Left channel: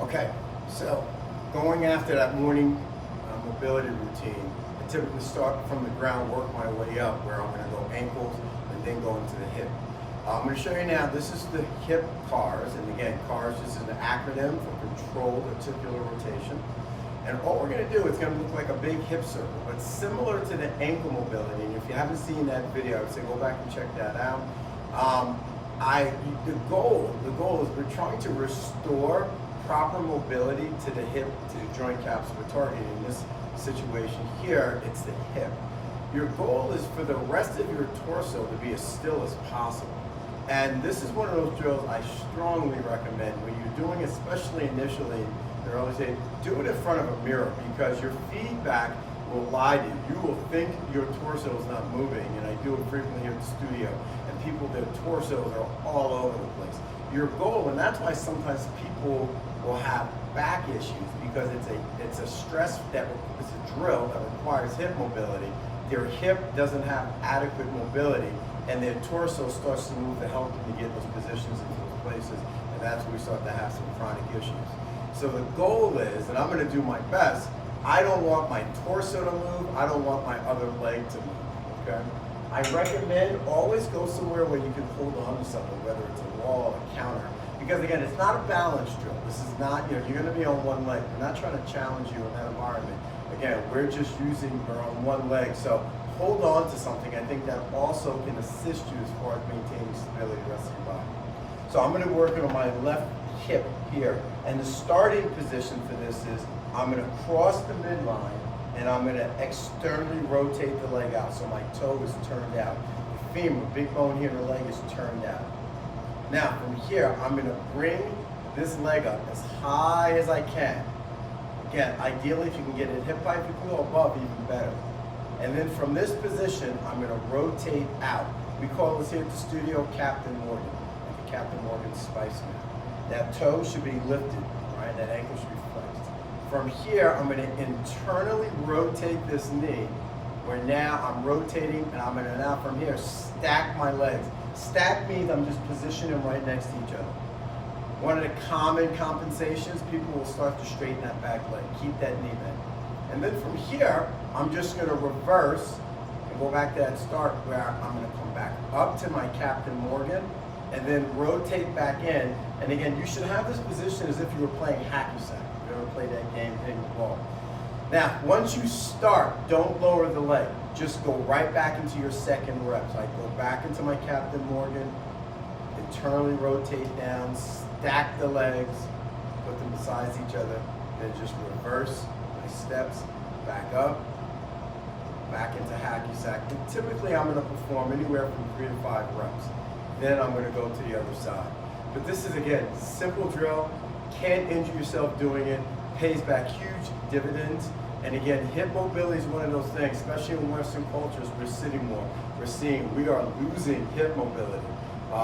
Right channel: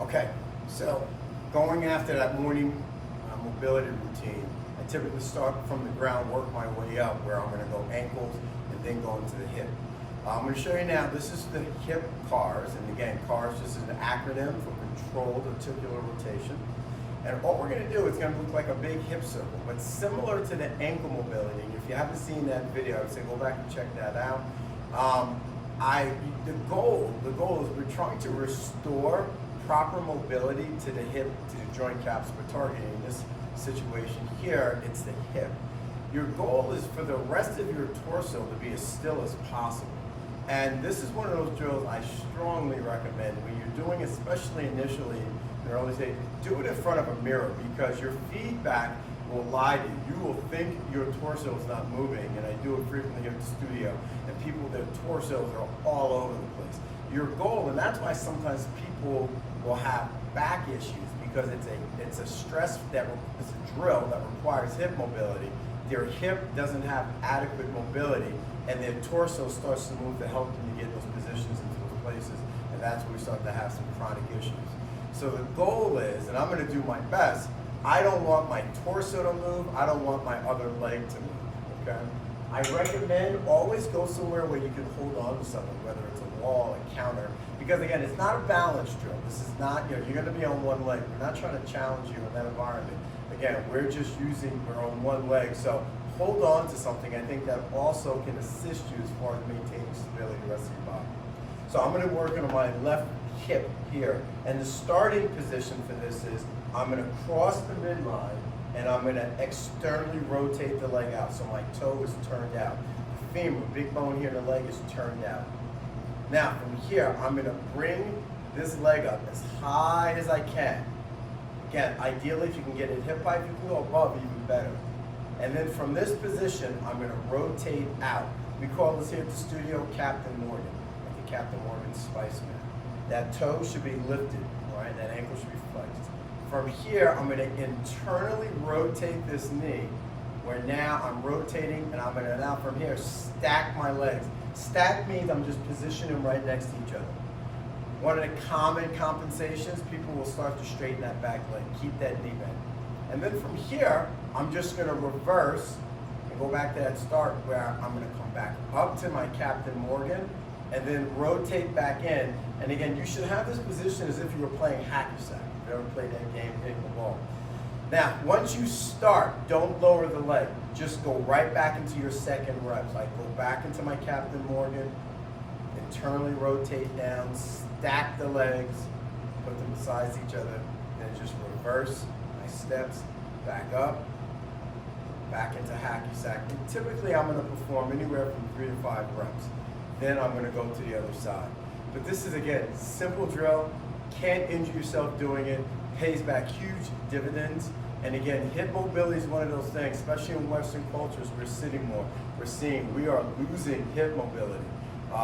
Okay, so going after that morning mobility routine, I typically start from the ground, work my way up, where I'm going to go ankles and then go into the hip. I'm going to show you now, this is the hip CARS, and again, CARS just is an acronym for Controlled Articular Rotation. And what we're going to do, it's going to look like a big hip circle, but similar to the ankle mobility. And if you haven't seen that video, I would say go back and check that out. The goal is we're trying to restore proper mobility to the hip, to the joint caps we're targeting. In this situation here, it's the hip. Your goal is for the rest of your torso to be as still as possible. And this is one of those drills I strongly recommend when you're doing, especially initially in the early stage, do it in front of a mirror, because your feedback will lie to you. You will think your torso is not moving, and I do it frequently here at the studio, and people, their torsos are all over the place. Your goal, and that's why sometimes people will have back issues, because it's a stress that it's a drill that requires hip mobility. Their hip doesn't have adequate mobility, and their torso starts to move to help them to get those positions into those places, and that's when we start to have some chronic issues. So the goal is, and I'm going to do my best, I don't want my torso to move, I don't want my other leg to move, okay? I recommend always go somewhere where you can hold on to something, whether it's a wall, a counter, because again, it's not a balance drill. This is not, you're going to be on one leg. We're not trying to challenge you in that environment. Again, we're on one leg, so hold on to something. I think that also can assist you as far as maintaining stability the rest of your body. So I'm going to work on my left hip here, and the starting position for this is I'm going to cross the midline, and I'm going to externally rotate the leg out, so my toe is turned out. The femur, big bone here in the leg, is turned out. Now from here, I'm going to bring this leg up as high as I can. Again, ideally if you can get it hip height, if you can go above, even better. And then from this position, I'm going to rotate out. We call this here at the studio Captain Morgan, like the Captain Morgan Spice Man. That toe should be lifted, all right? That ankle should be flexed. From here, I'm going to internally rotate this knee, where now I'm rotating, and I'm going to now from here stack my legs. Stack means I'm just positioning them right next to each other. One of the common compensations, people will start to straighten that back leg, keep that knee bent. And then from here, I'm just going to reverse and go back to that start, where I'm going to come back up to my Captain Morgan and then rotate back in. And again, you should have this position as if you were playing hacky-sack. If you ever played that game, hitting the ball. Now, once you start, don't lower the leg. Just go right back into your second rep. So I go back into my Captain Morgan, internally rotate down, stack the legs, put them beside each other, then just reverse my steps, back up, back into hacky-sack. And typically I'm going to perform anywhere from 3 to 5 reps. Then I'm going to go to the other side. But this is, again, simple drill. Can't injure yourself doing it. Pays back huge dividends. And again, hip mobility is one of those things, especially in Western cultures, we're sitting more. We're seeing we are losing hip mobility.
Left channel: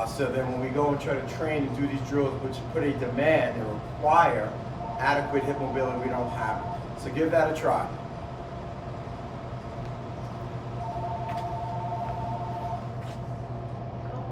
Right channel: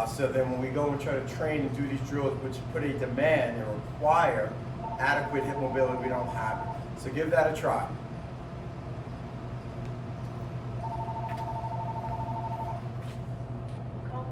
So then when we go and try to train and do these drills, which put a demand and require adequate hip mobility, we don't have it. So give that a try.